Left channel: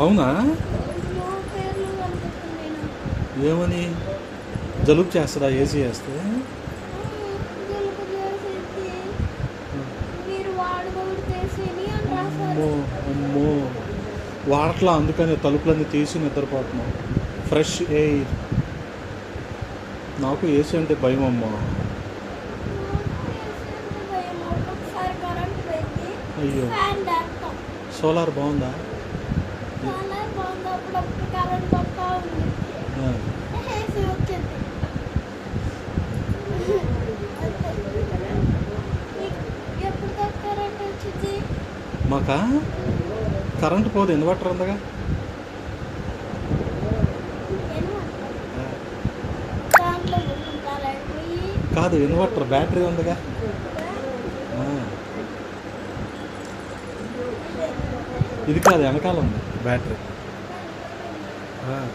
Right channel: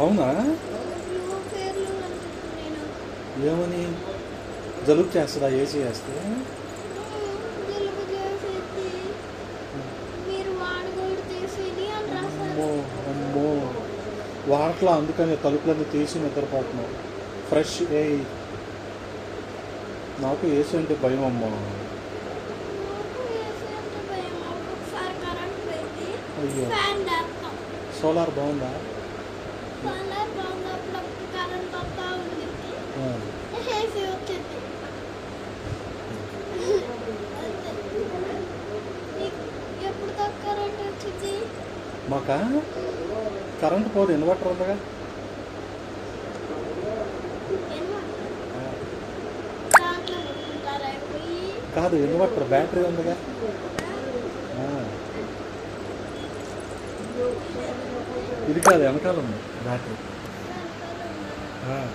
అవునా? బ్లూ పేర్లు కనిపిస్తున్నాయి. ఏమని? జలుబు చేస్తుందా ఏసీ వేస్తే? జలుబు చేసేసి మీరు వాడకూడదు చేసేది అని రాశారు. అమ్మో అమ్మో, వాడట్లా, అందుకని తలుపులన్నీ తీసి నిద్రపోతున్నాం. Fresh air. నాకు ఏసీ అంటే భయం అమ్మా. నాకు ఏసీ అంటే భయం. ఒక్కొక్కసారి కరెంట్ పోయింది, అయ్యో, ఫ్యాన్ లేపుతాం. సోలార్ బాగుందా? సోలార్ బాగుంది, అప్పుడప్పుడు కరెంట్ వస్తూ ఉంటుంది, ఆ, ఏసీ వచ్చింది. ఎప్పుడు దాకా కరెంట్ వచ్చింది? మాకా కరెంట్ పోదు, ఇన్వర్టర్ ఉందిగా. ఆ, దాంట్లో కొట్టుకుంటారా పోయి? కాదు, ఇన్వర్టర్ బ్యాటరీ ఉందిగా. ఆ, ఇది కాదు, వెనకాల ఉంది బ్యాటరీ. ఆ.